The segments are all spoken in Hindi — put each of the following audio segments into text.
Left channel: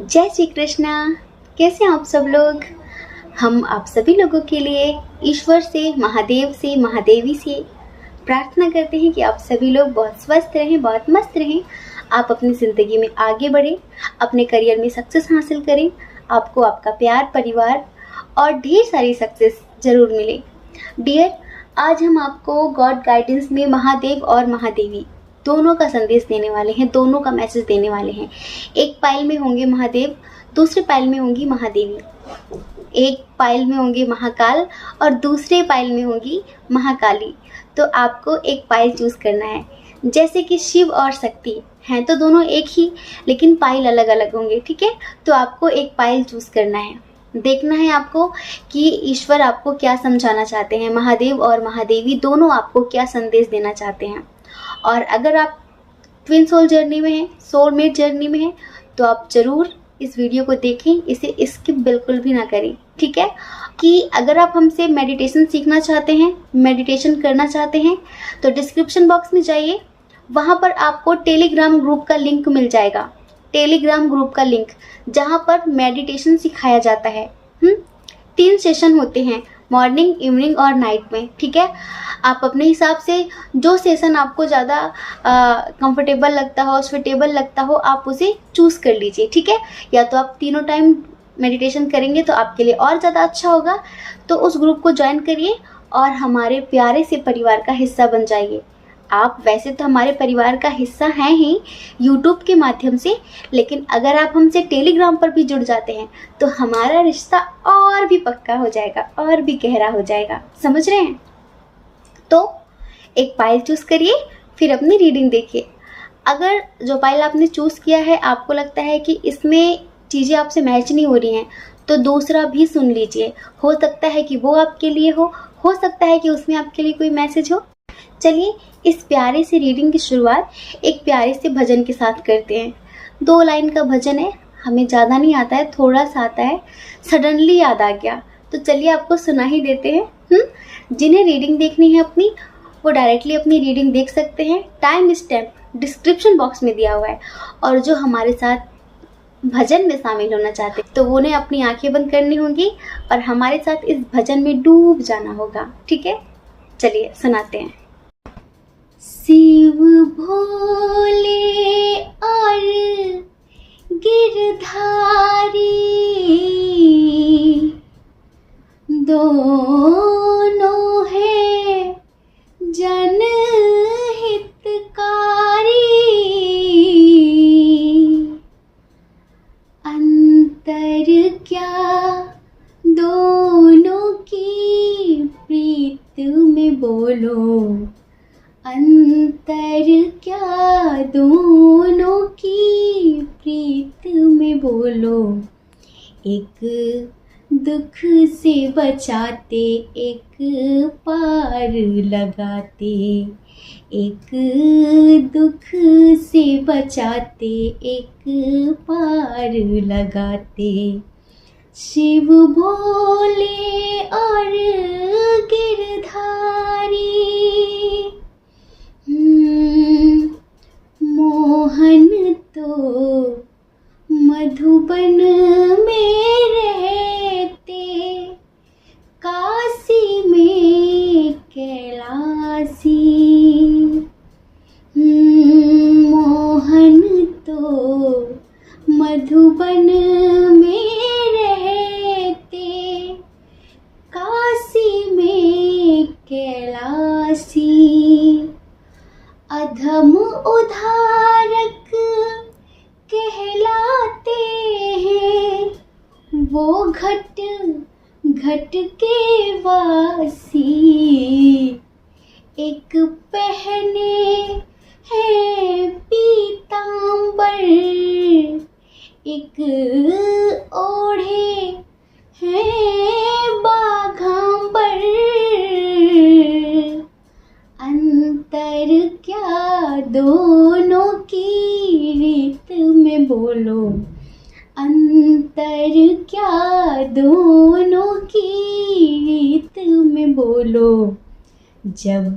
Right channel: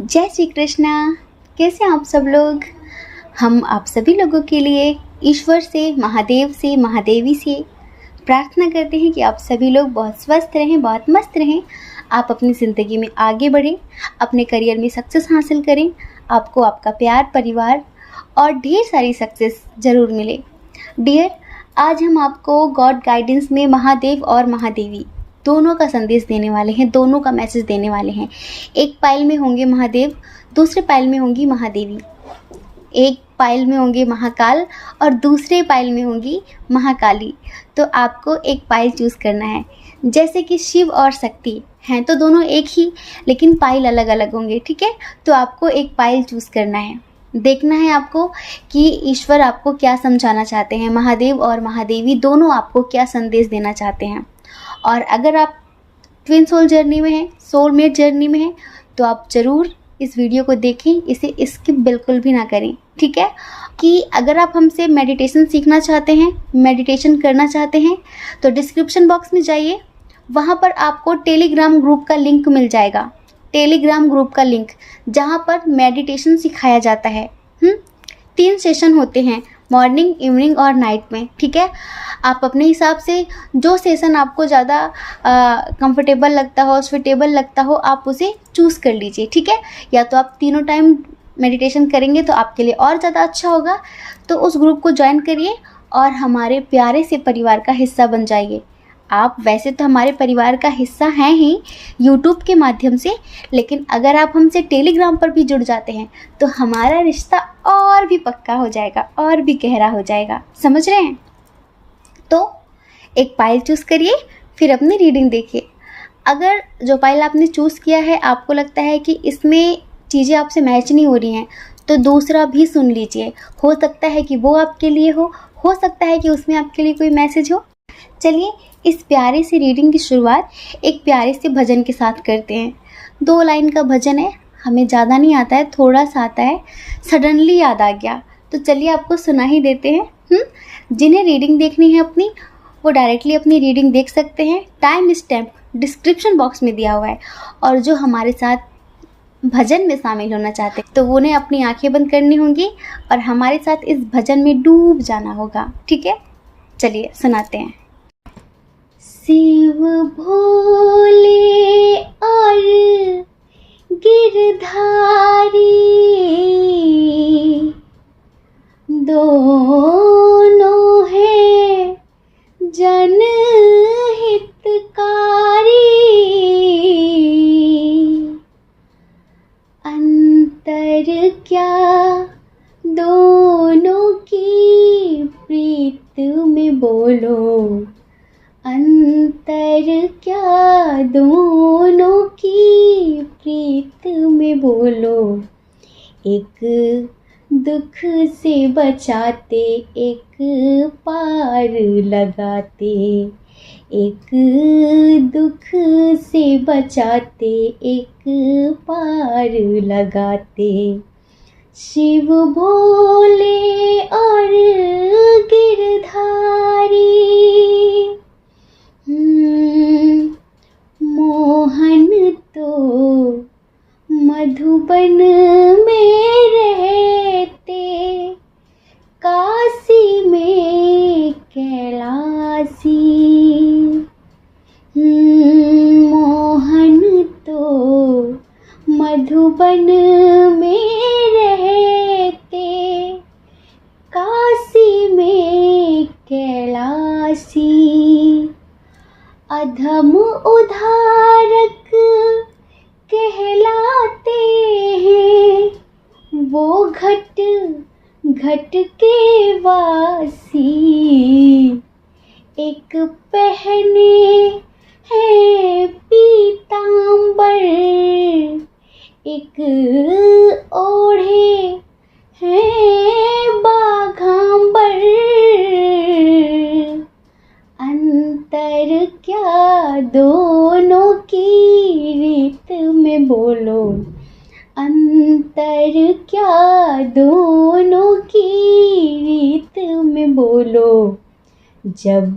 जय श्री कृष्णा। कैसे हैं आप सब लोग। हम आप सभी लोगों के लिए ईश्वर से, महादेव से, महादेवी से प्रार्थना करते हैं कि आप सभी लोग बहुत स्वस्थ रहें, बहुत मस्त रहें। आप अपनी ज़िंदगी में आगे बढ़ें, अपने करियर में सक्सेस हासिल करें। आपको आपका प्यार, परिवार और ढेर सारी सक्सेस ज़रूर मिले। डियर, आज हम आपको गॉड गाइडेंस में महादेव और महादेवी दोनों का संदेश देने वाले हैं, दोनों का मैसेज देने वाले हैं। एक पाइल में होंगे महादेव, दूसरे पाइल में होंगी महादेवी। एक पाइल में होंगे महाकाल और दूसरे पाइल में होंगी महाकाली। तो आपको एक पाइल चूज़ करना है। जैसे कि शिव और शक्ति हैं तो दोनों एक ही, लेकिन पाइल अलग अलग होंगे, ठीक है। तो आपको एक पाइल चूज़ करना है। देखना है आपको कि ईश्वर आपको क्या समझाना चाहते हैं, महादेव और महादेवी दोनों आपको क्या संदेश देना चाहते हैं। और अगर आप ट्विन सोल जर्नी में हैं, सोलमेट जर्नी में हैं, तो आप ज़रूर इस वीडियो को देखें, इसे स्किप बिल्कुल भी ना करें, ठीक है। कि अगर आप हमसे मेडिटेशन सीखना चाहते हैं, मेडिटेशन करना चाहते हैं, तो डिस्क्रिप्शन बॉक्स में जाइए, वहाँ पर आपको टेलीग्राम ग्रुप का लिंक मिल जाएगा। टेलीग्राम ग्रुप का लिंक, जहाँ पर मेडिटेशन सिखाया जाता है। 3 सेशन होते हैं, मॉर्निंग, इवनिंग और नाइट में, ठीक है। आप अपने हिसाब से जो सेशन आपको ज़्यादा कंफर्टेबल लगता हो, स्विटेबल लगता हो, आप उसे चूज़ कर लीजिए, ठीक है। या तो आप तीनों टाइम मेडिटेशन करेंगे तो आपके लिए और ज़्यादा अच्छा होगा। तो उस ग्रुप को ज्वाइन करिए और हमारे प्यारे से परिवार का हिस्सा बन जाइए। आप वैसे तो हमारे परिवार का हिस्सा हैं ही यूट्यूब के माध्यम से, लेकिन अगर आप हमसे टेलीग्राम पर भी जुड़ जाते हैं तो हमारा रिश्ता और भी पक्का हो जाएगा, और भी गहरा हो जाएगा। समझ रहे हैं। तो एक पाइल चूज़ करिए, फिर अपनी रीडिंग देखिए। अगर जो पाइल आपने चूज़ किया है आपको लगता है कि इसमें चीज़ें आपसे मैच नहीं हो रही हैं, तो दूसरा भी सुन लीजिए। हो सकता है कि वो आपके लिए हो सकता है कि उसमें आपके लिए कोई मैसेज हो। चलिए इस प्यारे से रीडिंग की शुरुआत एक प्यारे से भजन के साथ करते हैं। 2 लाइन का भजन है, हमें ज़्यादा नहीं आता है, थोड़ा सा आता है, सडनली याद आ गया, तो चलिए आपको सुना ही देते हैं। जिन्हें रीडिंग देखनी है अपनी, वो डायरेक्टली अपनी रीडिंग देख सकते हैं। टाइम स्टैम्प डिस्क्रिप्शन बॉक्स में दिया हुआ है। और जो हमारे साथ भजन में शामिल होना चाहते हैं तो उन्हें अपनी आंखें बंद करनी होंगी और हमारे साथ इस भजन में डूब जाना होगा, ठीक है। चलिए सुनाते हैं। शिव भोले और गिरधारी दोनों है जनहितकारी। अंतर क्या दोनों की प्रीत में बोलो, अंतर क्या दोनों की प्रीत में बोलो। एक दुख से बचाते, एक पार लगाते, एक दुख से बचाते, एक पार लगाते। शिव भोले और गिरधारी मोहन तो मधुबन में रहते, काशी में कैलासी। मोहन तो मधुबन में रहते, काशी में कैलासी। अधम उधारक कहलाते हैं, वो घट घट के वासी। एक पहने है पीतांबर, एक ओढ़े है बाघांबर। अंतर क्या दोनों की रीत में बोलो, अंतर क्या दोनों की रीत में बोलो। जब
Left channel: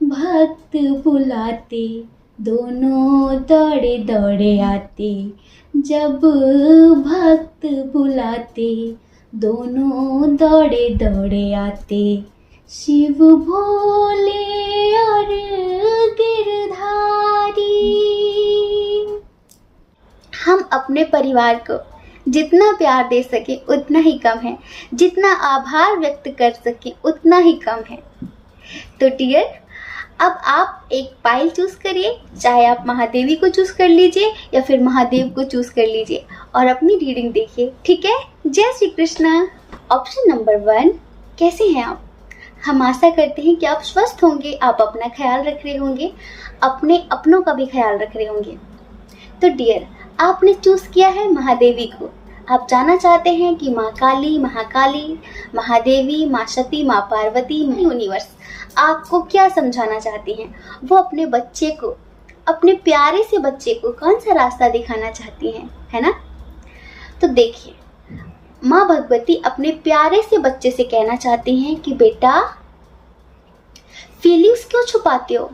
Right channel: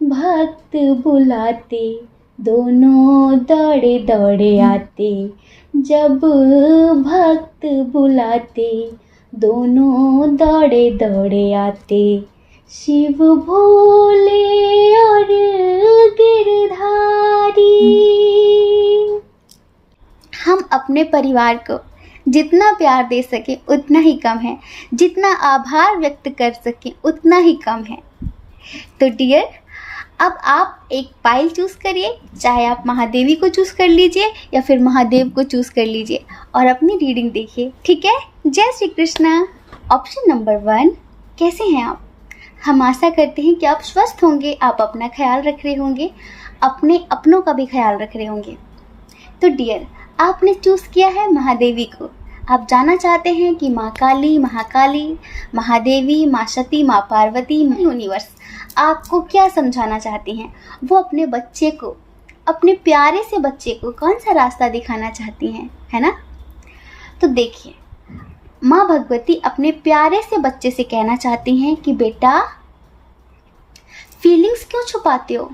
भक्त बुलाते दोनों दौड़े दौड़े आते, जब भक्त बुलाते दोनों दौड़े दौड़े आते, शिव भोले और गिरधारी। हम अपने परिवार को जितना प्यार दे सके उतना ही कम है, जितना आभार व्यक्त कर सके उतना ही कम है। तो डियर, अब आप एक पायल चूज करिए, चाहे आप महादेवी को चूज कर लीजिए या फिर महादेव को चूज कर लीजिए और अपनी रीडिंग देखिए, ठीक है। जय श्री कृष्णा। ऑप्शन नंबर 1, कैसे हैं आप? हम आशा करते हैं कि आप स्वस्थ होंगे, आप अपना ख्याल रख रहे होंगे, अपने अपनों का भी ख्याल रख रहे होंगे। तो डियर, आपने चूज किया है महादेवी को। आप जानना चाहते हैं कि माँ काली, महाकाली, महादेवी, माँ सती, माँ पार्वती, यूनिवर्स आपको क्या समझाना चाहती हैं। वो अपने बच्चे को, अपने प्यारे से बच्चे को कौन सा रास्ता दिखाना चाहती हैं, है ना। तो देखिए, माँ भगवती अपने प्यारे से बच्चे से कहना चाहती हैं कि बेटा, फीलिंग्स क्यों छुपाते हो?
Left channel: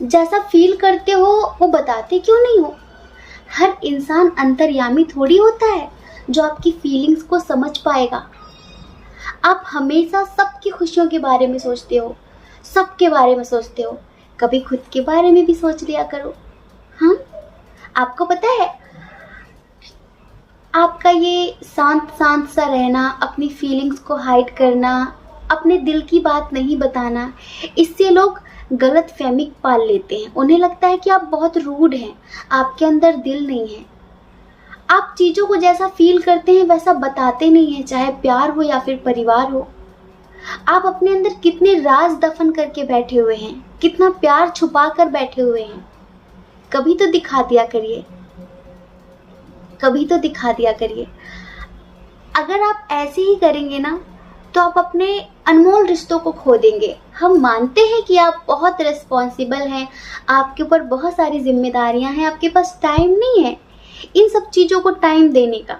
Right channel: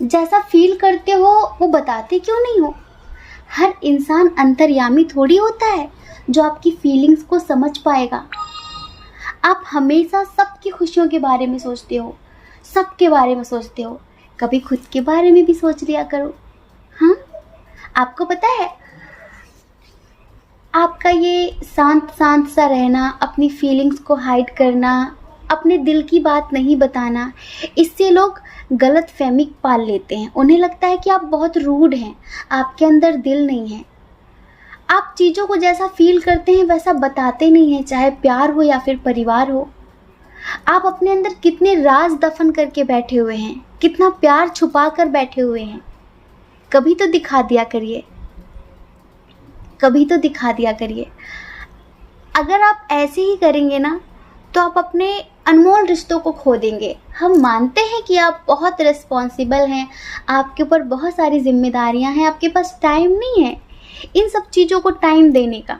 जैसा फील करते हो वो बताते क्यों नहीं हो? हर इंसान अंतर्यामी थोड़ी होता है जो आपकी फीलिंग्स को समझ पाएगा। आप हमेशा सबकी खुशियों के बारे में सोचते हो, सबके बारे में सोचते हो, कभी खुद के बारे में भी सोच लिया करो। हाँ, आपको पता है, आपका ये शांत शांत सा रहना, अपनी फीलिंग्स को हाइड करना, अपने दिल की बात नहीं बताना, इससे लोग गलत फहमी पाल लेते हैं। उन्हें लगता है कि आप बहुत रूड हैं, आपके अंदर दिल नहीं है। आप चीज़ों को जैसा फील करते हैं वैसा बताते नहीं हैं, चाहे प्यार हो या फिर परिवार हो। आप अपने अंदर कितने राज दफन करके बैठे हुए हैं, कितना प्यार छुपा कर बैठे हुए हैं। कभी तो दिखा दिया करिए, कभी तो दिखा दिया करिए। अगर आप ऐसे ही करेंगे ना तो आप अपने अनमोल रिश्तों को खो देंगे। हम मानते हैं कि आप बहुत रिस्पॉन्सिबल हैं, आपके ऊपर बहुत सारी जिम्मेदारियां हैं, आपके पास टाइम नहीं है इन सब चीज़ों को टाइम देने का।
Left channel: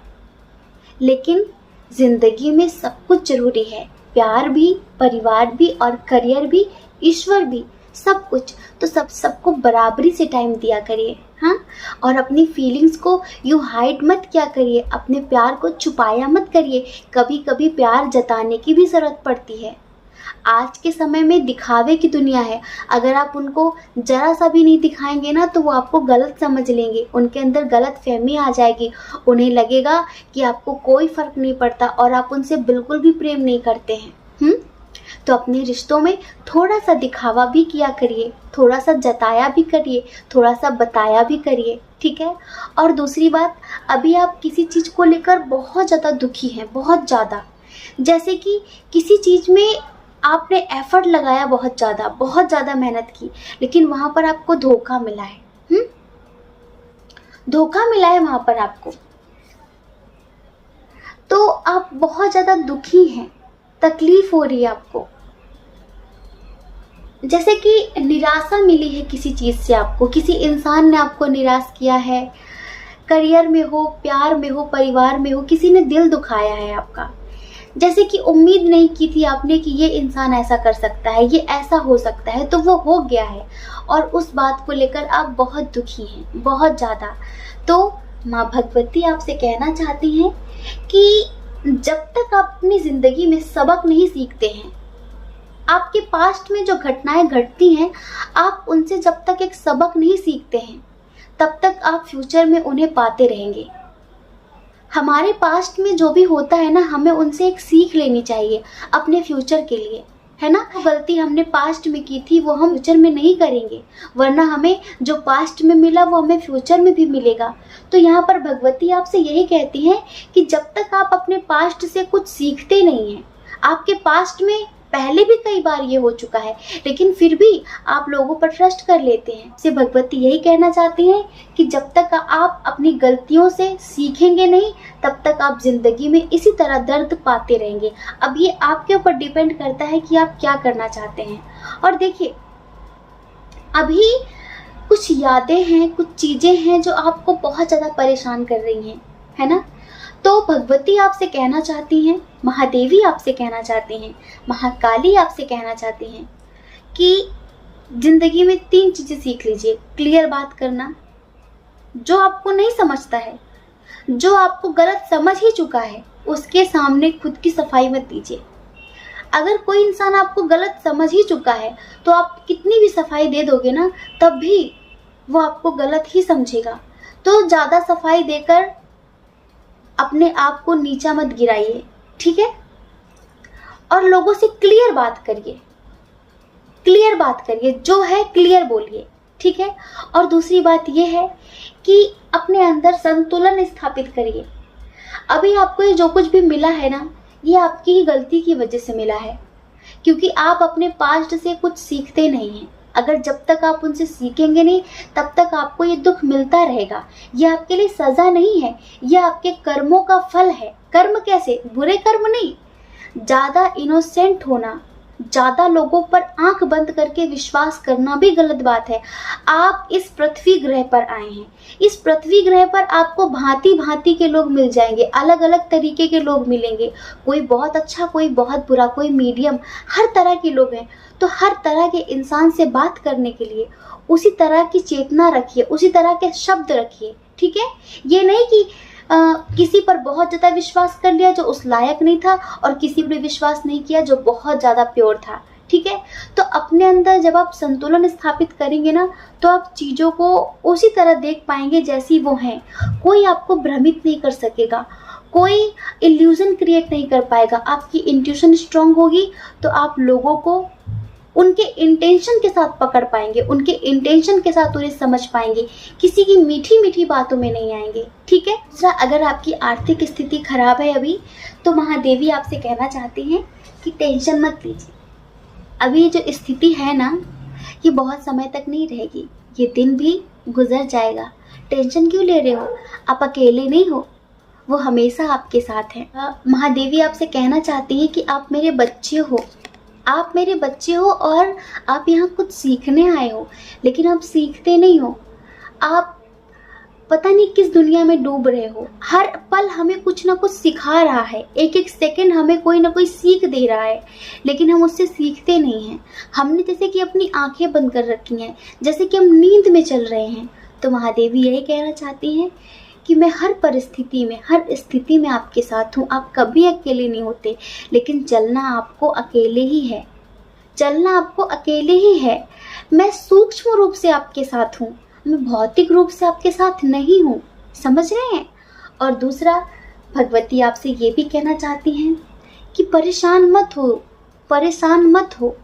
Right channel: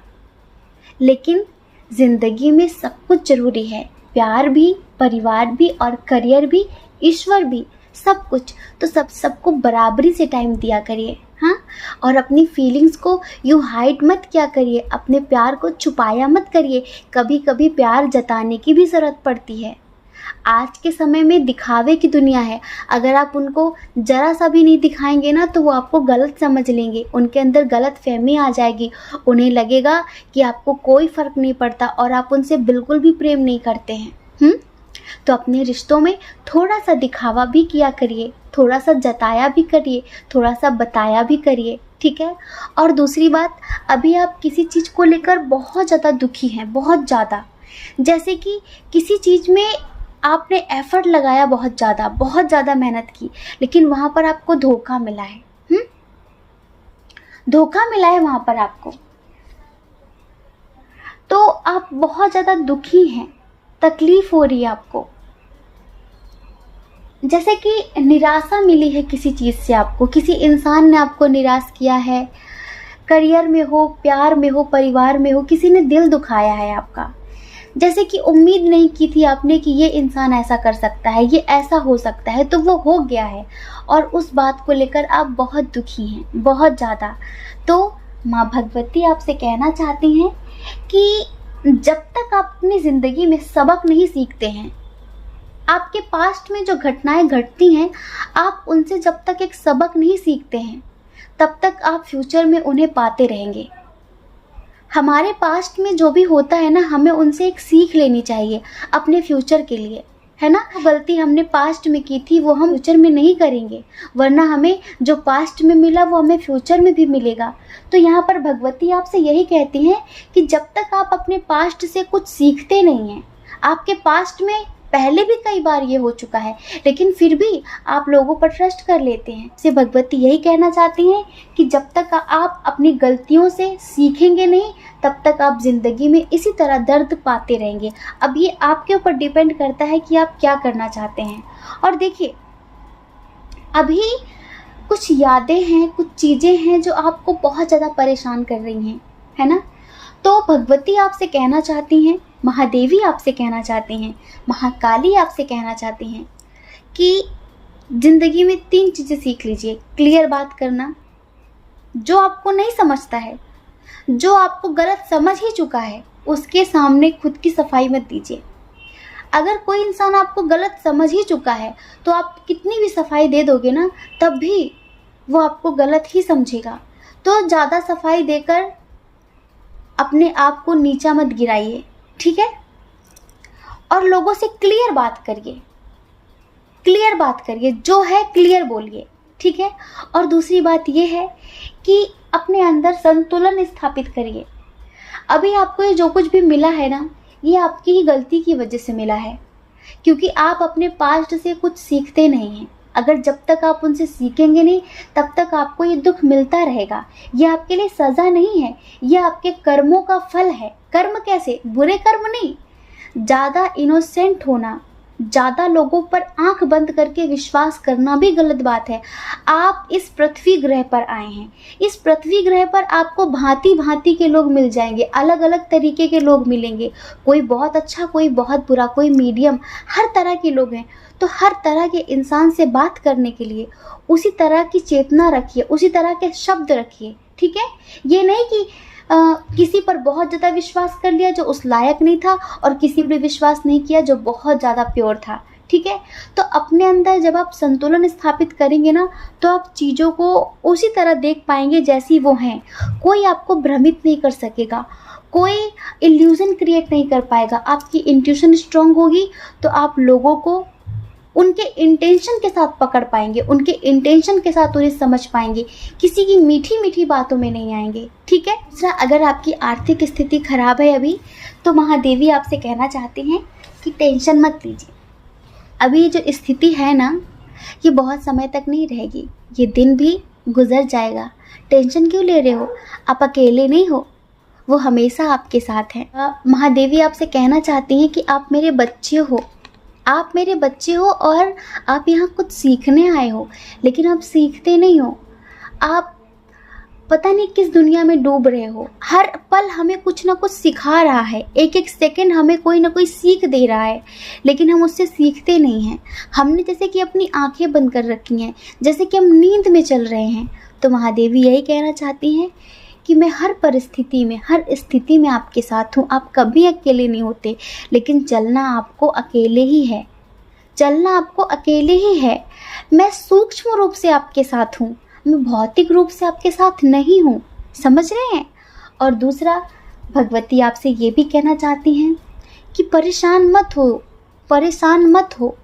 लेकिन ज़िंदगी में सब कुछ ज़रूरी है, प्यार भी, परिवार भी और करियर भी, ईश्वर भी, सब कुछ। तो सबको बराबरी से टाइम दिया करिए। हाँ, और अपनी फीलिंग्स को यूँ हाइड मत किया करिए, अपने प्यार को छुपाया मत करिए। कभी कभी प्यार जताने की भी ज़रूरत पड़ती है। आज के समय में दिखावे की दुनिया है, अगर आप उनको ज़रा सा भी नहीं दिखाएंगे ना तो वो आपको गलत समझ लेंगे, उनके अंदर गलत फहमी आ जाएगी। उन्हें लगेगा कि आपको कोई फ़र्क नहीं पड़ता और आप उनसे बिल्कुल भी प्रेम नहीं करते हैं। तो अपने रिश्तों में थोड़ा सा दिखावा भी किया करिए, थोड़ा सा जताया भी करिए, थोड़ा सा बताया भी करिए, ठीक है। और दूसरी बात, अभी आप किसी चीज़ को लेकर बहुत ज़्यादा दुखी हैं, बहुत ज़्यादा, जैसे कि किसी चीज़ में आपने एफर्ट लगाया, बहुत ज़्यादा मेहनत की, लेकिन वहाँ पर आपको धोखा मिला है। धोखा मिला है वहाँ पर आपको, तो आप बहुत ज़्यादा दुखी हैं, तकलीफ हो रही है आपको। जैसे कि निराशा मिली है किसी चीज़ से आपको, किसी इंसान ने आपको निराश किया है, करियर में हो, प्यार में हो, परिवार में हो, किसी ने दिल दुखाया है आपका। जैसे कि उम्मीद नहीं की थी आपने कि ये इंसान ऐसा कर सकता है, ये ऐसा हो सकता है, तो वो हो गया है और उस बात को लेकर आप बहुत दुखी हैं, बहुत ज़्यादा। तो माँ भगवती आपसे कहना चाहती हैं कि जब तक आप अपनी ज़िंदगी में सबक नहीं सीखते हैं, आपके पास्ट में जो घटनाएं घटती हैं, आप उनसे जब तक एक सबक नहीं सीखते हैं, तब तक आप फ्यूचर में उन्हें पाते रहेंगे। हमारे पास्ट में जो भी होता है ना, हमें उनसे एक सीख लेनी चाहिए अपने फ्यूचर के लिए, है ना। गलती हमने पास्ट में की थी वो हम फ्यूचर में नहीं करेंगे, वरना हमें जो पास्ट में मिला वो हमें फ्यूचर में भी मिलेगा। तो यहाँ पर भगवती आपसे यही कहती हैं कि जब तक आप अपने पास्ट से कुछ सीखते नहीं हैं, आपके पास्ट में पहले भी कई बार ये हो चुका है, लेकिन फिर भी आप लोगों पर ट्रस्ट कर लेते हैं। से भगवती यही कहना चाहती हैं कि जब तक आप अपनी गलतियों से सीखेंगे नहीं, तब तक आप ज़िंदगी में इसी तरह दर्द पाते रहेंगे। अब ये आपके ऊपर डिपेंड करता है कि आप क्या करना चाहते हैं। और देखिए, अभी कुछ यादें हैं, कुछ चीज़ें हैं जो आपको बहुत ज़्यादा परेशान कर रही हैं, है ना। तो भगवती आपसे कहना चाहती हैं, महादेवी आपसे कहना चाहती हैं, महाकाली आपसे कहना चाहती हैं कि ज़िंदगी में 3 चीज़ें सीख लीजिए। क्लियर बात करना, जो आपको नहीं समझता है, जो आपको गलत समझ ही चुका है, उसके सामने खुद की सफाई मत दीजिए। अगर कोई इंसान आपको गलत समझ ही चुका है तो आप कितनी भी सफाई दे दोगे ना, तब भी वो आपको गलत ही समझेगा। तो ज़्यादा सफाई देकर अपने आप को नीचा मत गिराइए, ठीक है। और लोगों से क्लियर बात करिए, क्लियर बात करिए, जो है क्लियर बोलिए, ठीक है। और दूसरी बात यह है कि अपने अंदर संतुलन स्थापित करिए। अभी आपको ये जो कुछ भी मिला है ना, ये आपकी ही गलती की वजह से मिला है, क्योंकि आप अपने पास्ट से कुछ सीखते नहीं हैं। अगर जब तक आप उनसे सीखेंगे नहीं, तब तक आपको ये दुख मिलता रहेगा। ये आपके लिए सज़ा नहीं है, ये आपके कर्मों का फल है। कर्म कैसे? बुरे कर्म नहीं। ज़्यादा इनोसेंट होना, ज़्यादा लोगों पर आंख बंद करके विश्वास करना भी गलत बात है। आप इस पृथ्वी ग्रह पर आए हैं, इस पृथ्वी ग्रह पर आपको भांति भांति के लोग मिल जाएंगे, अलग अलग तरीके के लोग मिलेंगे। कोई बहुत अच्छा, कोई बहुत बुरा, कोई मीडियम, हर तरह के लोग हैं। तो हर तरह के इंसान से बात करने के लिए उसी तरह की चेतना रखिए, उसी तरह के शब्द रखिए, ठीक है। ये नहीं कि किसी पर बहुत ज़्यादा विश्वास कर लिया जो उस लायक नहीं था, और किसी पर विश्वास नहीं किया जो बहुत ज़्यादा प्योर था, ठीक है। तो अपने अंदर जब आप संतुलन स्थापित करेंगे ना, तो आप चीज़ों को उसी तरह देख पाएंगे जैसी वो हैं। कोई आपको भ्रमित नहीं कर सकेगा, कोई इल्यूजन क्रिएट नहीं कर पाएगा। आपकी इंट्यूशन स्ट्रांग होगी तो आप लोगों को उनके इंटेंशन के साथ पकड़ पाएंगे, उनके इंटेंशन के साथ उन्हें समझ पाएंगे, किसी की मीठी मीठी बातों में नहीं आएंगे, ठीक है। दूसरा, अगर आपकी आर्थिक स्थिति खराब है अभी, तो महादेवी आपसे कहना चाहती हैं कि टेंशन मत लीजिए। अभी ये जो स्थिति है ना, ये बहुत समय तक नहीं रहेगी, ये दिन भी गुजर जाएगा। टेंशन क्यों ले रहे हो? आप अकेले नहीं हो, वो हमेशा आपके साथ हैं। महादेवी आपसे कहना चाहती हैं कि आप मेरे बच्चे हो, आप मेरे बच्चे हो, और आप यहाँ कुछ सीखने आए हो, लेकिन आप सीखते नहीं हो। आप पता नहीं किस दुनिया में डूब रहे हो। हर पल हमें कुछ ना कुछ सिखा रहा है, एक एक सेकंड हमें कोई ना कोई सीख दे रहा है, लेकिन हम उससे सीखते नहीं हैं। हमने जैसे कि अपनी आंखें बंद कर रखी हैं, जैसे कि हम नींद में चल रहे हैं। तो महादेवी यही कहना चाहती हैं कि मैं हर परिस्थिति में, हर स्थिति में आपके साथ हूँ। आप कभी अकेले नहीं होते, लेकिन चलना आपको अकेले ही है, चलना आपको अकेले ही है। मैं सूक्ष्म रूप से आपके साथ हूँ, मैं भौतिक रूप से आपके साथ नहीं हूँ, समझ रहे हैं। और दूसरा, भगवती आपसे ये भी कहना चाहती हैं कि परेशान मत हो, परेशान मत हो,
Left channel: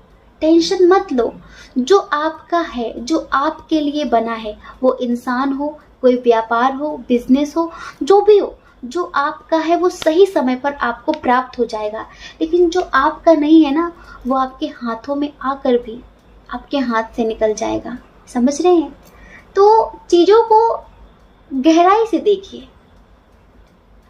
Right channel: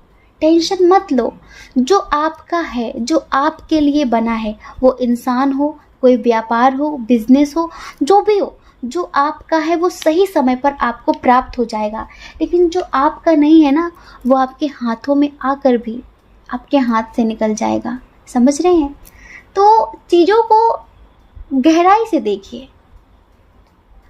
टेंशन मत लो। जो आपका है, जो आपके लिए बना है, वो इंसान हो, कोई व्यापार हो, बिजनेस हो, जो भी हो, जो आपका है वो सही समय पर आपको प्राप्त हो जाएगा। लेकिन जो आपका नहीं है ना, वो आपके हाथों में आकर भी आपके हाथ से निकल जाएगा, समझ रहे हैं। तो चीज़ों को गहराई से देखिए,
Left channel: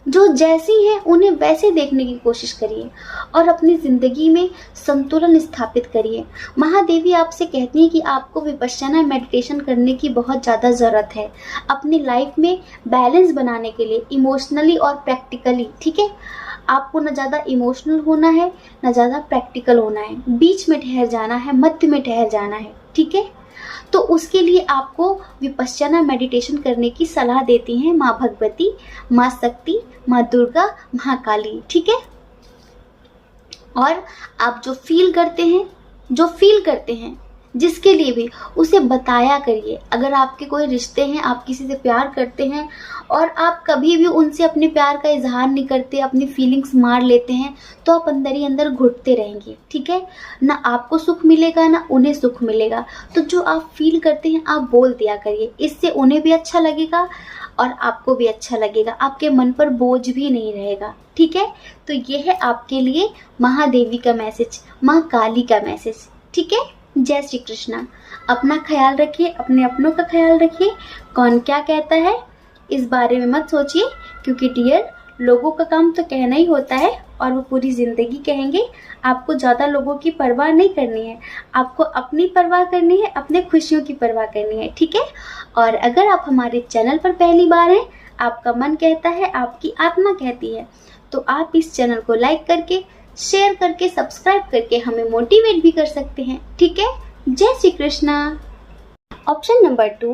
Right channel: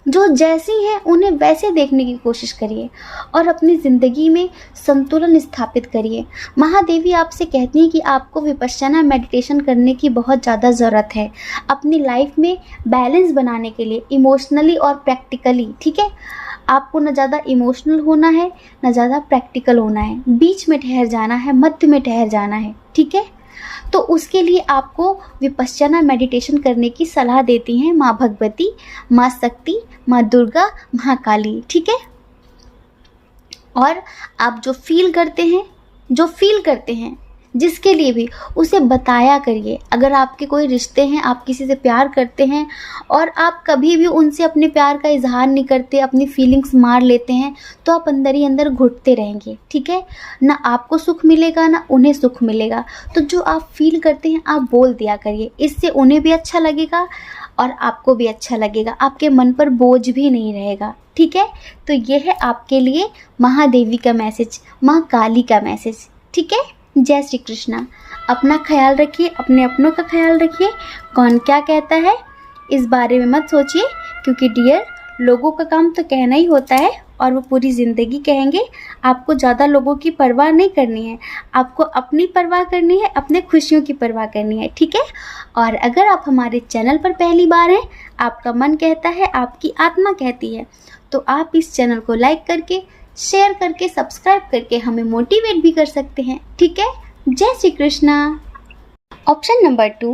जो जैसी हैं उन्हें वैसे देखने की कोशिश करिए, और अपनी ज़िंदगी में संतुलन स्थापित करिए। महादेवी आपसे कहती हैं कि आपको विपश्यना मेडिटेशन करने की बहुत ज़्यादा ज़रूरत है अपनी लाइफ में बैलेंस बनाने के लिए, इमोशनली और प्रैक्टिकली, ठीक है। आपको न ज़्यादा इमोशनल होना है, न ज़्यादा प्रैक्टिकल होना है, बीच में ठहर जाना है, मध्य में ठहर जाना है, ठीक है। तो उसके लिए आपको विपश्यना मेडिटेशन करने की सलाह देती हैं माँ भगवती, माँ शक्ति, माँ दुर्गा, महाकाली, ठीक है। और आप जो फील करते हैं जिसके लिए भी, उसे बताया करिए। अगर आपके कोई रिश्ते हैं, आप किसी से प्यार करते हैं और आप कभी भी उनसे अपने प्यार का इजहार नहीं करते, अपनी फीलिंग्स मार लेते हैं, तो आप अंदर ही अंदर घुटते रहेंगे, ठीक है। ना आपको सुख मिलेगा, ना उन्हें सुख मिलेगा। तो जो आप फील करते हैं आप बोल दिया करिए, इससे उन्हें भी अच्छा लगेगा और आपको भी अच्छा लगेगा, आपके मन पर बोझ भी नहीं रहेगा, ठीक है। तो ये है आपके लिए महादेवी का मैसेज, माँ काली का मैसेज, ठीक है। जय श्री कृष्णा। अपना ख्याल रखिए, अपने अपनों का ख्याल रखिए। कौन क्या कहता है इस बारे में मत सोचिए, क्योंकि डियर, लोगों का काम तो कहना ही होता है और वो पूरी ज़िंदगी कहेंगे। आपको ज़्यादा लोगों की परवाह नहीं करनी है, आपको अपनी परवाह करनी है, अपने खुशियों की परवाह करनी है, ठीक है। और अगर आप हमारे चैनल पर पहली बार हैं, आपका मन कहता है, आपकी आत्मा कहती है, तो आप इस चैनल को लाइक करके, शेयर करके, सब्सक्राइब करके हमें मोटिवेट भी कर सकते हैं, ठीक है। जय श्री कृष्णा। ऑप्शन नंबर 2,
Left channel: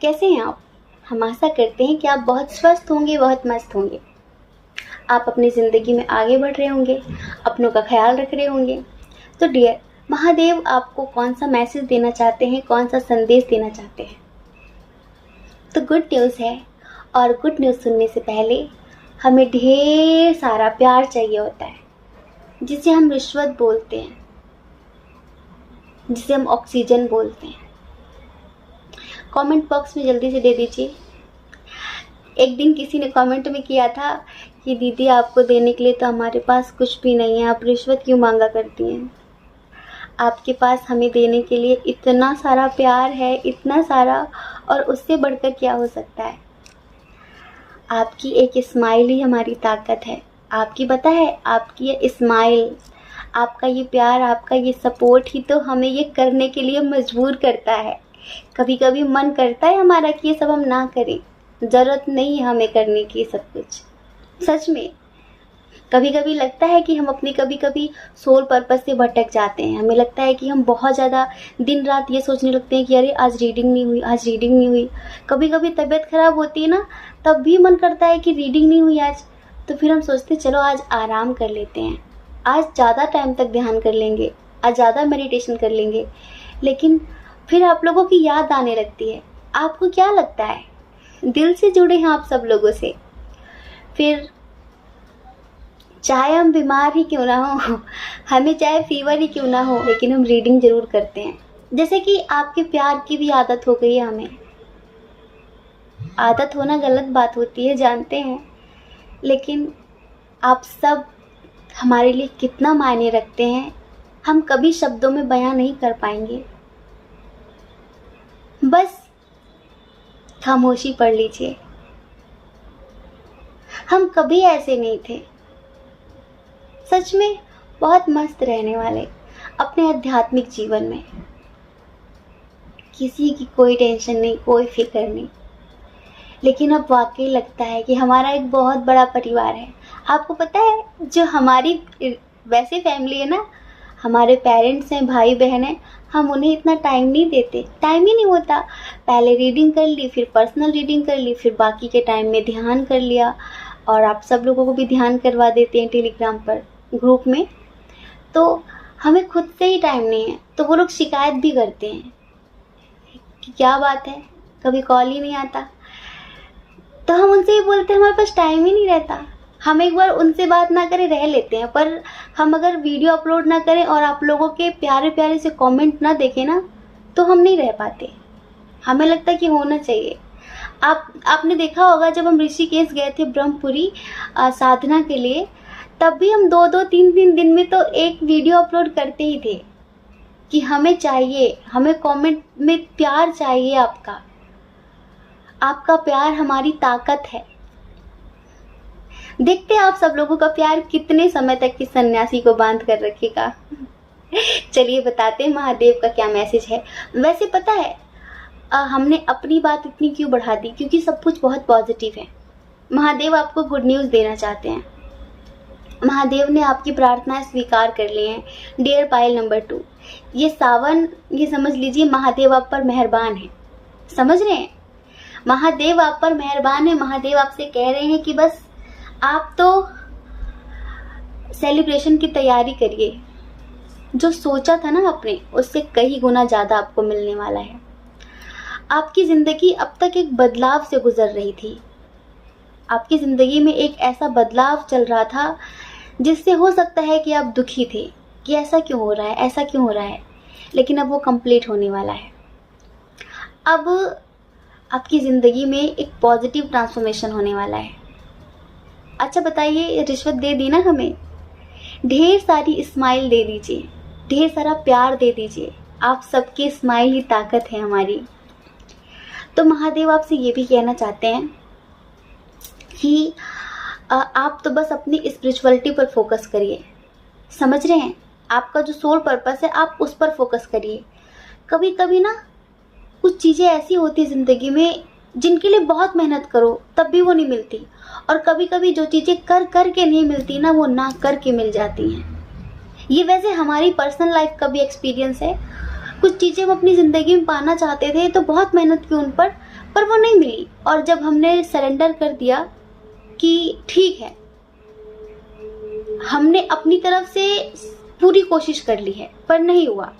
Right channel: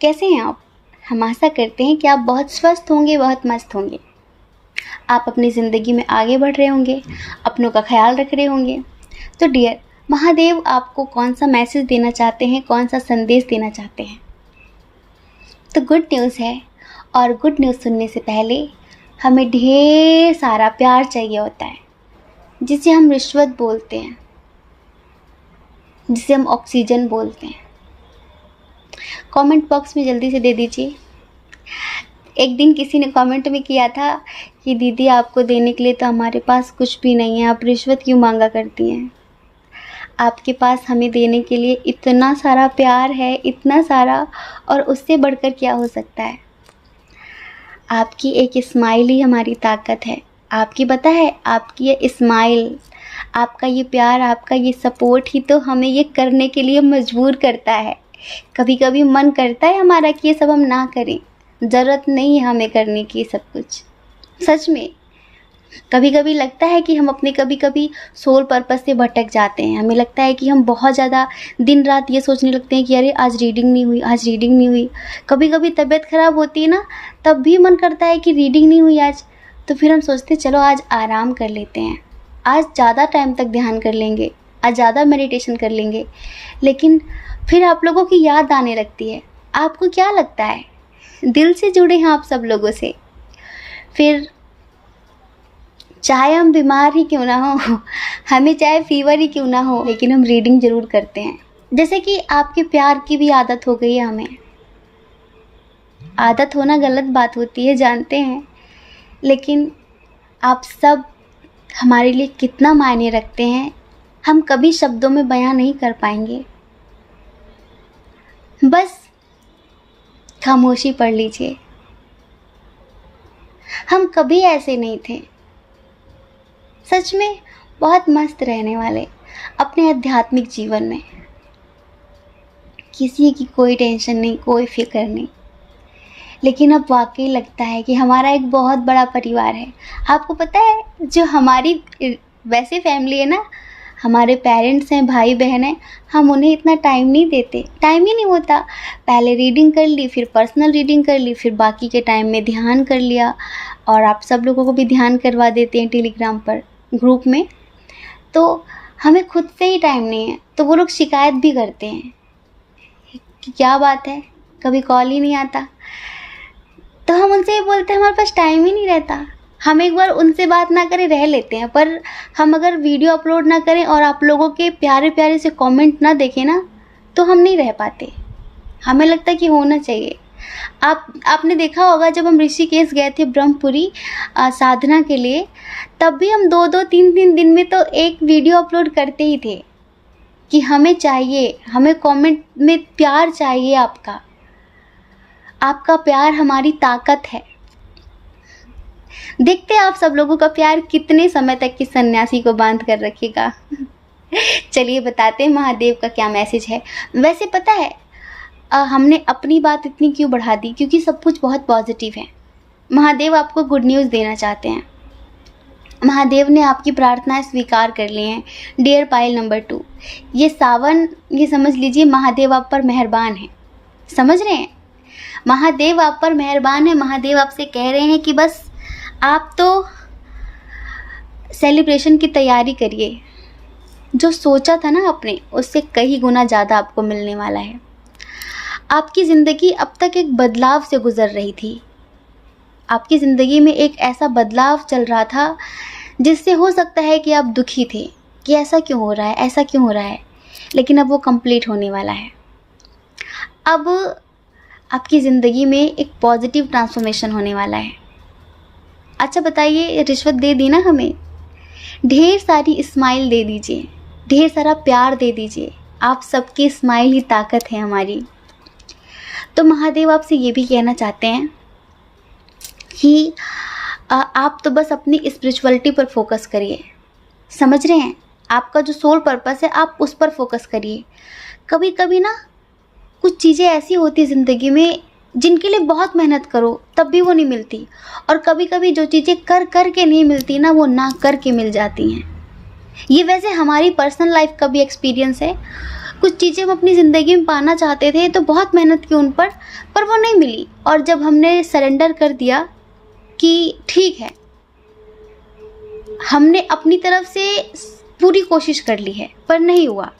कैसे हैं आप? हम आशा करते हैं कि आप बहुत स्वस्थ होंगे, बहुत मस्त होंगे। आप अपनी ज़िंदगी में आगे बढ़ रहे होंगे, अपनों का ख्याल रख रहे होंगे। तो डियर, महादेव आपको कौन सा मैसेज देना चाहते हैं, कौन सा संदेश देना चाहते हैं? तो गुड न्यूज़ है, और गुड न्यूज़ सुनने से पहले हमें ढेर सारा प्यार चाहिए होता है, जिसे हम रिश्वत बोलते हैं, जिसे हम ऑक्सीजन बोलते हैं। कमेंट बॉक्स में जल्दी से दे दीजिए। एक दिन किसी ने कमेंट में किया था कि दीदी आपको देने के लिए तो हमारे पास कुछ भी नहीं है, आप रिश्वत क्यों मांगा करती हैं? आपके पास हमें देने के लिए इतना सारा प्यार है, इतना सारा, और उससे बढ़कर क्या हो सकता है? आपकी एक स्माइल ही हमारी ताकत है। आपकी पता है, आपकी ये स्माइल, आपका ये प्यार, आपका ये सपोर्ट ही तो हमें ये करने के लिए मजबूर करता है। कभी कभी मन करता है हमारा कि ये सब हम ना करें, ज़रूरत नहीं है हमें करने की सब कुछ। सच में कभी कभी लगता है कि हम अपने कभी कभी सोल पर्पस से भटक जाते हैं। हमें लगता है कि हम बहुत ज़्यादा दिन रात ये सोचने लगते हैं कि अरे आज रीडिंग नहीं हुई, आज रीडिंग नहीं हुई। कभी कभी तबीयत ख़राब होती है ना, तब भी मन करता है कि रीडिंग नहीं हुई आज, तो फिर हम सोचते चलो आज आराम कर लेते हैं, आज ज़्यादा टाइम तक ध्यान कर लेंगे, आज ज़्यादा मेडिटेशन कर लेंगे। लेकिन फिर आप लोगों की याद आने लगती है। आपको क्या लगता है, दिल से जुड़े हैं आप सब लोगों से। फिर चाहे हम बीमार ही क्यों ना हो, हमें चाहे फीवर ही क्यों ना हो, लेकिन हम रीडिंग ज़रूर करते हैं। जैसे कि आपके प्यार की भी आदत हो गई है हमें। आदत होना गलत बात होती है, जानते हैं, लेकिन आप सब हमारे लिए कितना मायने रखते हैं, हम कभी शब्दों में बयां नहीं कर पाएंगे। बस खामोशी पढ़ लीजिए। हम कभी ऐसे नहीं थे, सच में बहुत मस्त रहने वाले अपने आध्यात्मिक जीवन में। किसी की कोई टेंशन नहीं, कोई फिक्र नहीं। लेकिन अब वाकई लगता है कि हमारा एक बहुत बड़ा परिवार है। आपको पता है, जो हमारी वैसे फैमिली है ना, हमारे पेरेंट्स हैं, भाई बहन हैं, हम उन्हें इतना टाइम नहीं देते, टाइम ही नहीं होता। पहले रीडिंग कर ली, फिर पर्सनल रीडिंग कर ली, फिर बाकी के टाइम में ध्यान कर लिया, और आप सब लोगों को भी ध्यान करवा देते हैं टेलीग्राम पर ग्रुप में। तो हमें खुद से ही टाइम नहीं है, तो वो लोग शिकायत भी करते हैं कि क्या बात है, कभी कॉल ही नहीं आता। तो हम उनसे ये बोलते हैं हमारे पास टाइम ही नहीं रहता। हम एक बार उनसे बात ना करें रह लेते हैं, पर हम अगर वीडियो अपलोड ना करें और आप लोगों के प्यारे प्यारे से कमेंट ना देखें ना, तो हम नहीं रह पाते। हमें लगता है कि होना चाहिए। आपने देखा होगा, जब हम ऋषिकेश गए थे ब्रह्मपुरी साधना के लिए, तब भी हम 2-2 3-3 दिन में तो एक वीडियो अपलोड करते ही थे कि हमें चाहिए, हमें कमेंट में प्यार चाहिए। आपका प्यार हमारी ताकत है। देखते हैं आप सब लोगों का प्यार कितने समय तक की सन्यासी को बांध कर रखेगा। चलिए बताते हैं महादेव का क्या मैसेज है। वैसे पता है, हमने अपनी बात इतनी क्यों बढ़ा दी, क्योंकि सब कुछ बहुत पॉजिटिव है। महादेव आपको गुड न्यूज़ देना चाहते हैं। महादेव ने आपकी प्रार्थनाएं स्वीकार कर ली हैं। डियर पायल नंबर 2, ये सावन, ये समझ लीजिए महादेव आप पर मेहरबान है। समझ रहे हैं, महादेव आप पर मेहरबान है। महादेव आपसे कह रहे हैं कि बस आप तो सेलिब्रेशन की तैयारी करिए। जो सोचा था ना आपने, उससे कई गुना ज़्यादा आपको मिलने वाला है। आपकी ज़िंदगी अब तक एक बदलाव से गुजर रही थी। आपकी ज़िंदगी में एक ऐसा बदलाव चल रहा था जिससे हो सकता है कि आप दुखी थे कि ऐसा क्यों हो रहा है, ऐसा क्यों हो रहा है, लेकिन अब वो कंप्लीट होने वाला है। अब आपकी ज़िंदगी में एक पॉजिटिव ट्रांसफॉर्मेशन होने वाला है। अच्छा बताइए, रिश्वत दे दी ना हमें, ढेर सारी स्माइल दे दीजिए, ढेर सारा प्यार दे दीजिए। आप सबकी स्माइल ही ताकत है हमारी। तो महादेव आपसे ये भी कहना चाहते हैं कि आप तो बस अपनी स्पिरिचुअलिटी पर फोकस करिए। समझ रहे हैं, आपका जो सोल पर्पस है आप उस पर फोकस करिए। कभी कभी ना कुछ चीज़ें ऐसी होती है ज़िंदगी में जिनके लिए बहुत मेहनत करो तब भी वो नहीं मिलती, और कभी कभी जो चीज़ें कर कर के नहीं मिलती ना, वो ना कर के मिल जाती हैं। ये वैसे हमारी पर्सनल लाइफ का भी एक्सपीरियंस है। कुछ चीज़ें हम अपनी ज़िंदगी में पाना चाहते थे तो बहुत मेहनत की उन पर वो नहीं मिली। और जब हमने सरेंडर कर दिया कि ठीक है, हमने अपनी तरफ से पूरी कोशिश कर ली है पर नहीं हुआ,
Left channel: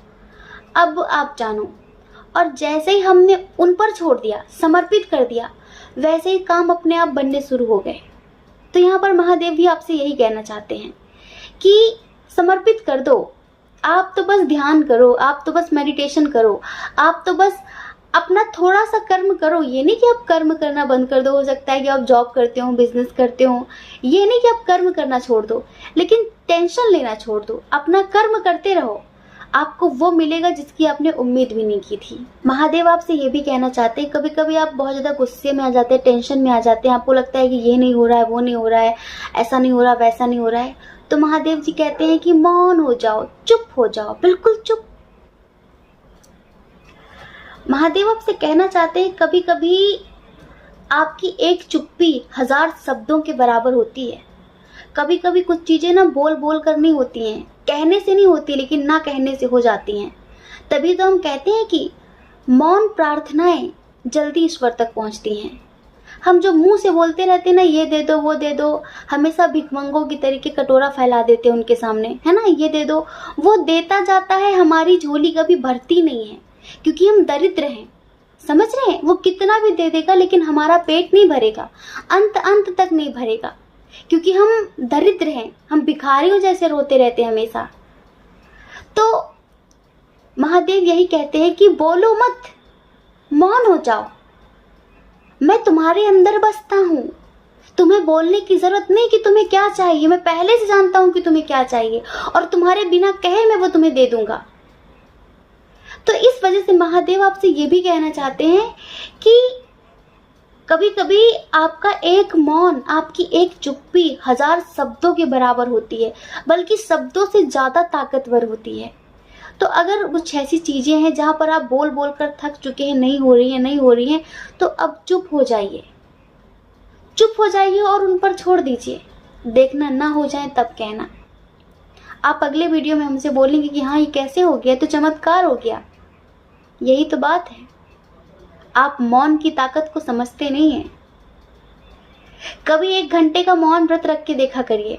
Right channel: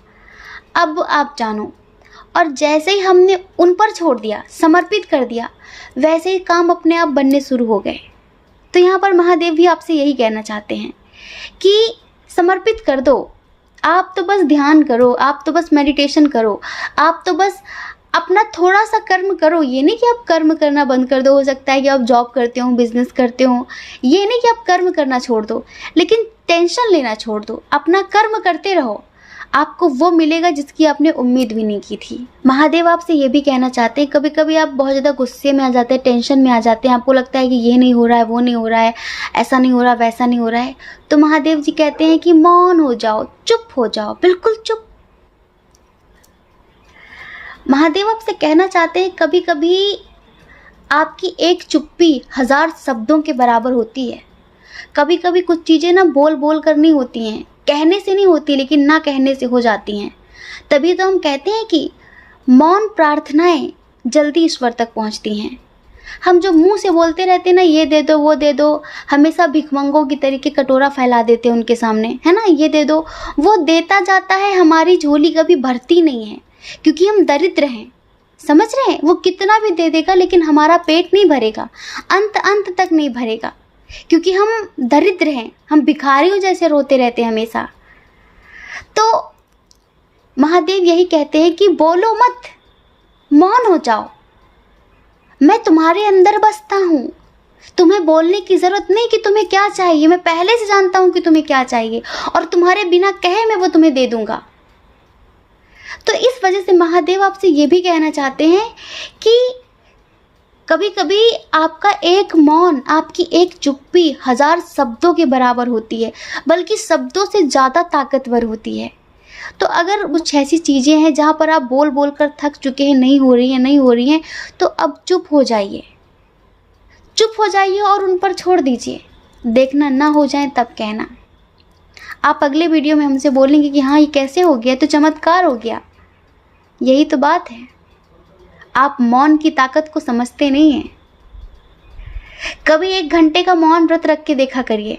अब आप जानो। और जैसे ही हमने उन पर छोड़ दिया, समर्पित कर दिया, वैसे ही काम अपने आप बनने शुरू हो गए। तो यहाँ पर महादेव भी आपसे यही कहना चाहते हैं कि समर्पित कर दो। आप तो बस ध्यान करो, आप तो बस मेडिटेशन करो, आप तो बस अपना थोड़ा सा कर्म करो। ये नहीं कि आप कर्म करना बंद कर दो, हो सकता है कि आप जॉब करते हो, बिजनेस करते हो, ये नहीं कि आप कर्म करना छोड़ दो, लेकिन टेंशन लेना छोड़ दो, अपना कर्म करते रहो। आपको वो मिलेगा जिसकी आपने उम्मीद भी नहीं की थी। महादेव आपसे ये भी कहना चाहते हैं, कभी कभी आप बहुत ज़्यादा गुस्से में आ जाते हैं, टेंशन में आ जाते हैं, आपको लगता है कि ये नहीं हो रहा है, वो नहीं हो रहा है, ऐसा नहीं हो रहा, वैसा नहीं हो रहा है, तो महादेव जी कहते हैं कि मौन हो जाओ, चुप हो जाओ, बिल्कुल चुप। महादेव आपसे कहना चाहते हैं कभी कभी आपकी एक चुप्पी 1000 शब्दों के बराबर होती है। कभी कभी कुछ चीज़ें ना बोल बोल कर नहीं होती हैं, कहने से नहीं होती, लेकिन ना कहने से हो जाती हैं। तभी तो हम कहते हैं कि मौन प्रार्थनाएं जल्दी ईश्वर तक पहुंचती हैं। हम जो मुंह से बोलते रहते हैं ना, ये दे दो, वो दे दो, हमेशा भिखमंगों की तरीके कटोरा फैला देते हैं उनके सामने, है ना, ये दे दो, वो देता जाता है, हमारी झोली कभी भरती नहीं है, क्योंकि हम दरिद्र हैं। समझ रहे हैं? वो कितना भी दे देगा लेकिन हमारा पेट नहीं भरेगा, अंत तक नहीं भरेगा, क्योंकि हम दरिद्र हैं, हम भिखारियों जैसे रोते रहते हैं हमेशा। तो महादेव यही कहते हैं कि बोलो मत, मौन हो जाओ, मैं तुम्हारे अंदर बसता हूँ, तुम्हें बोलने की जरूरत नहीं कि तुम्हें क्या चाहिए, मैं पहले से जानता हूँ कि तुम्हें क्या चाहिए, और तुम्हारे बिना कहे मैं वो तुम्हें दे दूंगा। तो इस वजह से महादेव आपसे ये भी कहना चाहते हैं कि कभी कभी आपका एक मौन, आपकी एक चुप्पी 1000 शब्दों के बराबर होती है, बल्कि शब्दों से ज़्यादा ताकतवर होती है। तो अगर कुछ ऐसी चीज़ें हैं जहाँ पर आप बोल बोल कर थक चुके हैं, नहीं हो रही हैं, तो अब चुप हो जाइए, चुप हो जाइए और उन पर छोड़ दीजिए। देखना ना हो जाए तब कहना। आप अगले वीडियो में हमसे बोलेंगे कि हाँ ये कैसे हो गया, तो चमत्कार हो गया। यही तो बात है, आप मौन की ताकत को समझते नहीं हैं। कभी 1 घंटे का मौन व्रत रख के देखा करिए,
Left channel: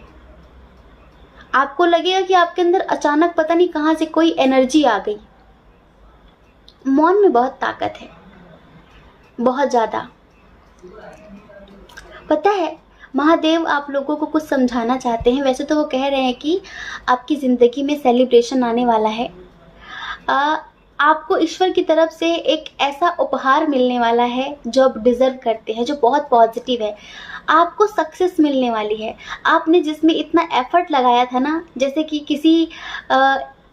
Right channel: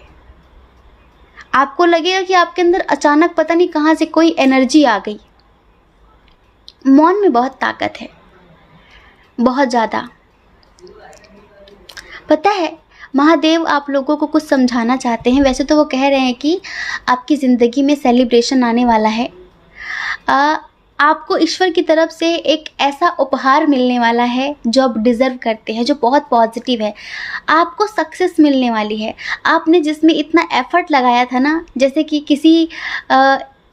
आपको लगेगा कि आपके अंदर अचानक पता नहीं कहां से कोई एनर्जी आ गई। मौन में बहुत ताकत है, बहुत ज़्यादा। पता है, महादेव आप लोगों को कुछ समझाना चाहते हैं। वैसे तो वो कह रहे हैं कि आपकी ज़िंदगी में सेलिब्रेशन आने वाला है, आपको ईश्वर की तरफ से एक ऐसा उपहार मिलने वाला है जो आप डिज़र्व करते हैं, जो बहुत पॉजिटिव है। आपको सक्सेस मिलने वाली है। आपने जिसमें इतना एफर्ट लगाया था ना, जैसे कि किसी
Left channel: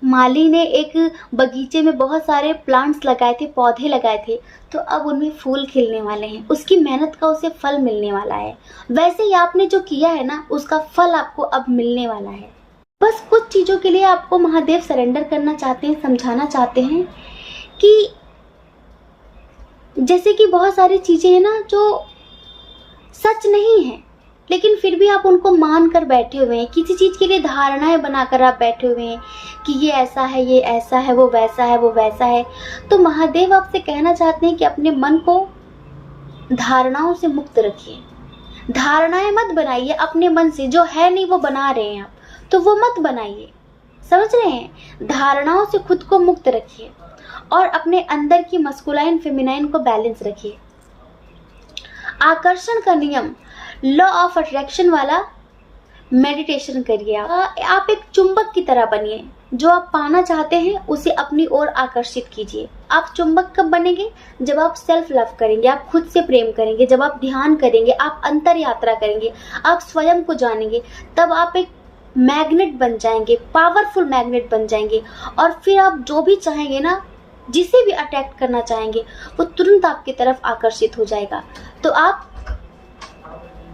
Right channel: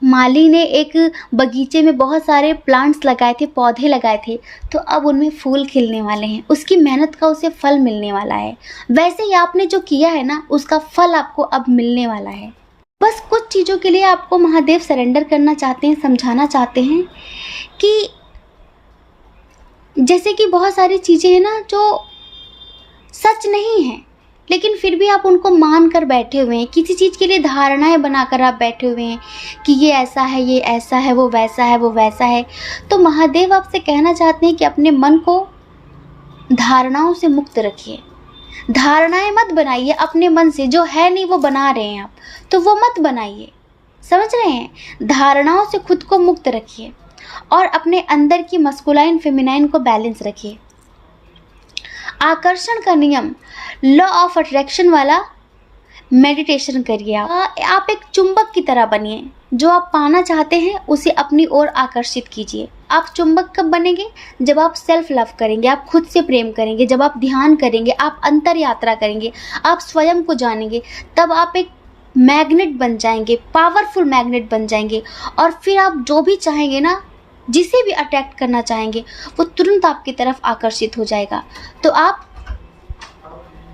माली ने एक बगीचे में बहुत सारे प्लांट्स लगाए थे, पौधे लगाए थे, तो अब उनमें फूल खिलने वाले हैं, उसकी मेहनत का उसे फल मिलने वाला है। वैसे ही आपने जो किया है ना, उसका फल आपको अब मिलने वाला है। बस कुछ चीज़ों के लिए आपको महादेव सरेंडर करना चाहते हैं, समझाना चाहते हैं कि जैसे कि बहुत सारी चीज़ें हैं ना जो सच नहीं है, लेकिन फिर भी आप उनको मान कर बैठे हुए हैं। किसी चीज़ के लिए धारणाएं बनाकर आप बैठे हुए हैं कि ये ऐसा है, ये ऐसा है, वो वैसा है, वो वैसा है। तो महादेव आपसे कहना चाहते हैं कि अपने मन को धारणाओं से मुक्त रखिए। धारणाएं मत बनाइए अपने मन से, जो है नहीं वो बना रहे हैं आप, तो वो मत बनाइए। समझ रहे हैं? धारणाओं से खुद को मुक्त रखिए और अपने अंदर की मस्कुलाइन फेमिनाइन को बैलेंस रखिए। आकर्षण का नियम, लॉ ऑफ अट्रैक्शन वाला मेडिटेशन करिए। आप एक चुंबक की तरह बनिए, जो आप पाना चाहते हैं उसे अपनी ओर आकर्षित कीजिए। आप चुंबक कब बनेंगे? जब आप सेल्फ लव करेंगे, आप खुद से प्रेम करेंगे, जब आप ध्यान करेंगे, आप अंतर यात्रा करेंगे, आप स्वयं को जानेंगे, तब आप एक मैग्नेट बन जाएंगे, पावरफुल मैग्नेट बन जाएंगे। और फिर आप जो भी चाहेंगे ना, जिसे भी अट्रैक्ट करना चाहेंगे, वो तुरंत आपकी तरफ आकर्षित हो जाएगा। तो आप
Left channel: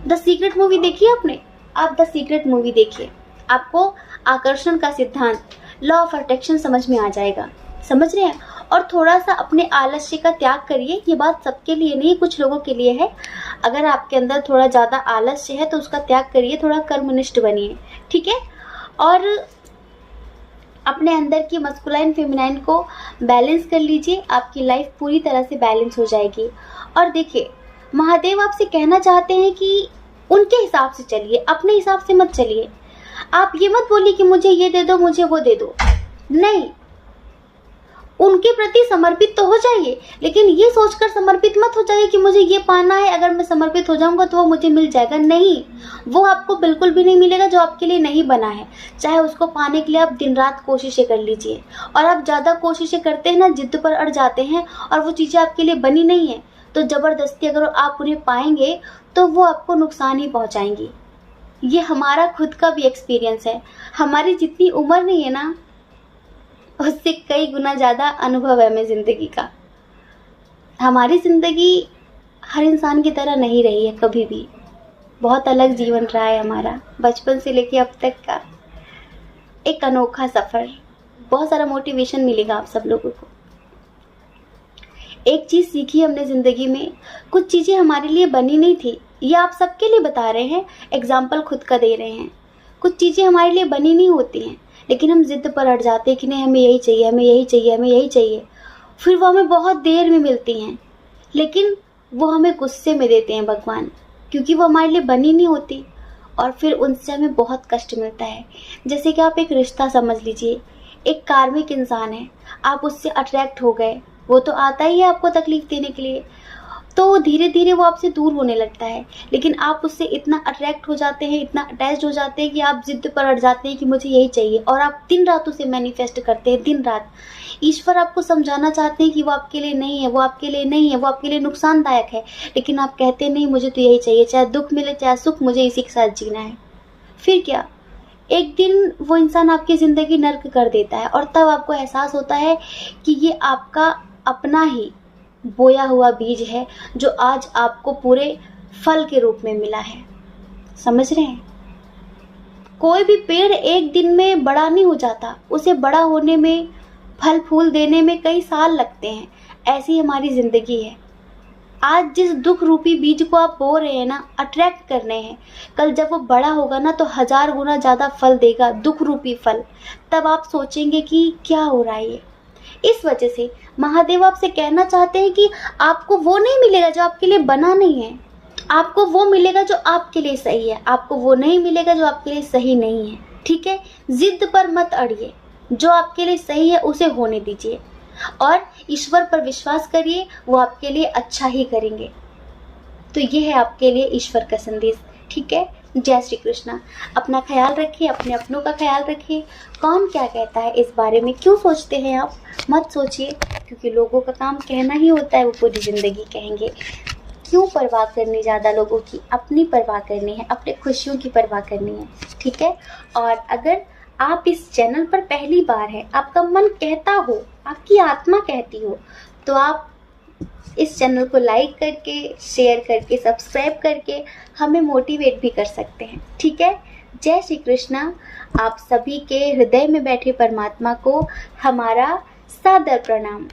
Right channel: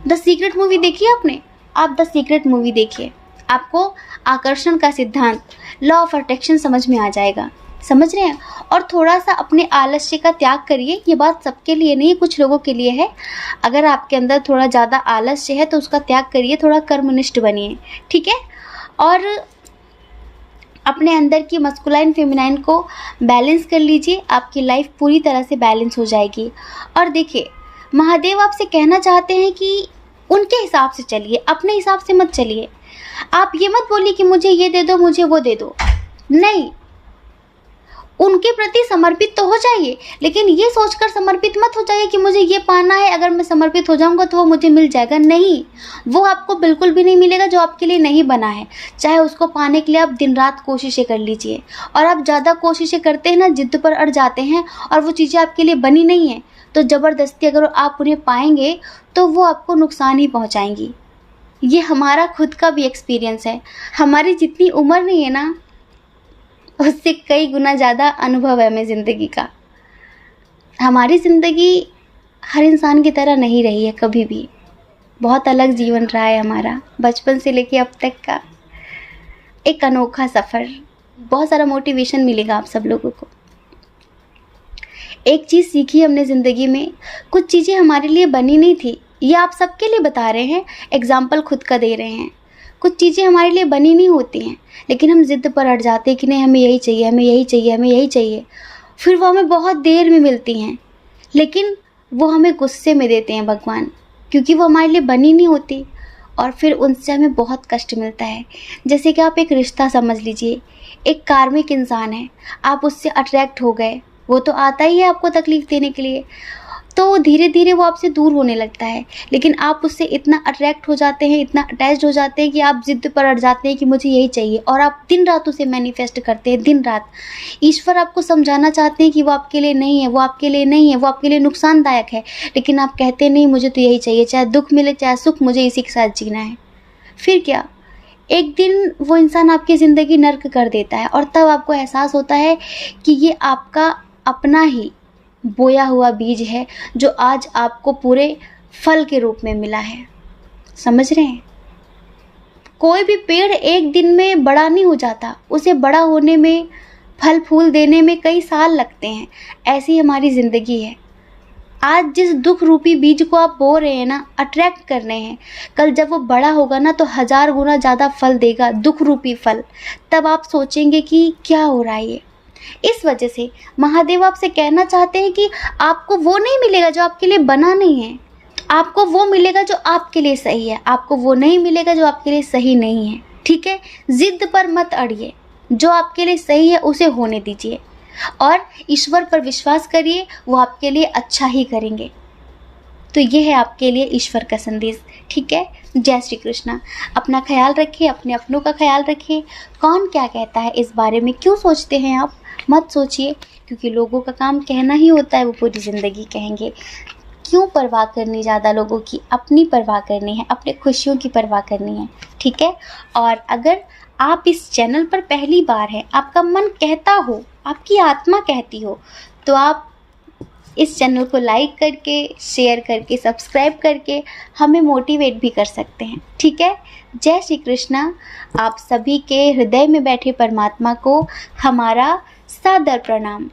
द सीक्रेट मूवी देखिए आपने, आप द सीक्रेट मूवी देखिए, आपको आकर्षण का सिद्धांत, लॉ ऑफ अट्रैक्शन समझ में आ जाएगा। समझ रहे हैं? और थोड़ा सा अपने आलस्य का त्याग करिए। ये बात सबके लिए नहीं, कुछ लोगों के लिए है। अगर आपके अंदर थोड़ा ज़्यादा आलस्य है तो उसका त्याग करिए, थोड़ा कर्मनिष्ठ बनिए, ठीक है? और अपने अंदर की मस्कुलाइन फेमिनाइन को बैलेंस कर लीजिए, आपकी लाइफ पूरी तरह से बैलेंस हो जाएगी। और देखिए, महादेव आपसे कहना चाहते हैं कि उनके हिसाब से चलिए, अपने हिसाब से मत चलिए। आप ये मत बोलिए कि मुझे ये दे दो, मुझे वो दे दो, नहीं, उनके प्रति समर्पित तो हो जाइए, लेकिन ये सोचकर समर्पित मत हो जाइए कि मुझे ये पाना है, अगर मैं समर्पित हो जाऊंगा तो वो मुझे मिल जाएगा। नहीं, वो आपको बिल्कुल भी नहीं मिलेगा जो आपके लिए नहीं बना है। चाहे उसको पाने के लिए आप दिन रात कोशिशें कर लीजिए, और आप ज़्यादा कोशिशें करते हैं ना, जिद पर अड़ जाते हैं और वो चीज़ें आपके लिए बनी नहीं है, तो ज़बरदस्ती अगर आप उन्हें पाएंगे तो वो आपको नुकसान ही पहुँचाएंगी। ये हमारा खुद का भी एक्सपीरियंस है। हमारी जितनी उम्र नहीं है ना, उससे कई गुना ज़्यादा अनुभव है हमें ज़िंदगी का। हमारी ज़िंदगी हर इंसान की तरह नहीं रही है कभी भी, बहुत अलग जीवन रहा है हमारा, बचपन से लेके अब तक का एक अनोखा सफ़र। बहुत सारा मोटिवेशन मिलेगा आप सब लोगों को। एक चीज़ सीखी हमने ज़िंदगी में, कुछ चीज़ें हमारे लिए बनी नहीं थी, ये आप सबके लिए बता रहे हैं, एग्जाम्पल खुद का दे रहे हैं। कुछ चीज़ें हमारे लिए बनी नहीं होती हैं, लेकिन हम ज़िद पर अड़ जाते हैं कि नहीं, हमें यही चाहिए, हमें यही चाहिए, हमें यही चाहिए। फिर वो हमें बहुत देर में मिलती हैं, लेकिन वो हमें गुस्से में देते हैं भगवान, क्योंकि वो हमारे लिए बनी नहीं होती, और फिर उनसे हमें बहुत कष्ट मिलता है। जैसे कि आप एक रिश्ता समझ लीजिए, एक कार्मिक इंसान है, आप उससे अट्रैक्ट हो गए, वो तो आता ही है आपको तकलीफ़ देने के लिए, तो धीरे धीरे वो आपसे दूर होने लगता है, लेकिन आप उससे इतना अट्रैक्ट हो जाते हैं, इतना अटैच्ड हो जाते हैं कि आप ज़िद पर अड़ जाते हैं कि मुझे यही चाहिए, और आप दिन रात उसे मैनिफेस्ट करते हैं, दिन रात। ईश्वर आपको समझाना चाहते हैं कि वो आपके लिए नहीं है, वो आपके लिए नहीं है, वो आपके लिए नुकसानदायक है, लेकिन आप कहते हैं नहीं, मुझे तो यही चाहिए, चाहे दुख मिले चाहे सुख, मुझे इसी के साथ जीना है। फिर क्या, एक दिन वो इंसान आपकी ज़िंदगी नर्क कर देता है, और तब आपको एहसास होता है कि ये आपका अपना ही बोया हुआ बीज है, जो आज आपको पूरे फल के रूप में मिला है। समझ रहे हैं? कोई भी पेड़ एक दिन में बड़ा नहीं हो जाता, उसे बड़ा होने में, फल फूल देने में कई साल लगते हैं। ऐसी हमारी ज़िंदगी है। आज जिस दुख रूपी बीज को आप बो रहे हैं ना, अट्रैक्ट कर रहे हैं, कल जब वो बड़ा होगा ना तो 1000 गुना ज़्यादा फल देगा, दुख रूपी फल। तब आप सोचेंगे कि क्या हो रहा है ये। इस वजह से महादेव आपसे कहना चाहते हैं कि आपको वो नहीं मिलेगा जो आपके लिए बना नहीं है, आपको वो मिलेगा जो आपके लिए सही है, आपको वो नहीं मिलेगा जो आपके लिए सही नहीं है। ठीक है, जिद पर मत अड़िए, जो आपके लिए सही है उसे होने दीजिए, और ईश्वर पर विश्वास करिए, वो आपके लिए अच्छा ही करेंगे। तो ये है आपके लिए ईश्वर का संदेश। ठीक है, जय श्री कृष्णा। अपना ख्याल रखिए, अपने अपनों का ख्याल रखिए। कौन क्या कहता है इस बारे में क्यों सोचते हैं आप, मत सोचिए, क्योंकि लोगों का काम कहना ही होता है, वो पूरी ज़िंदगी कहेंगे। क्यों परवाह करनी ज़्यादा लोगों की, अपनी परवाह करनी है, अपने खुशियों की परवाह करनी है। ठीक है, और अगर आप इस चैनल पर पहली बार हैं, आपका मन कहता हो, आपकी आत्मा कहती हो, तो आप इस चैनल को लाइक करके, शेयर करके, सब्सक्राइब करके हमें मोटिवेट भी कर सकते हैं। ठीक है, जय श्री कृष्णा। आप सभी के हृदय में बैठे परमात्मा को हमारा सादर प्रणाम।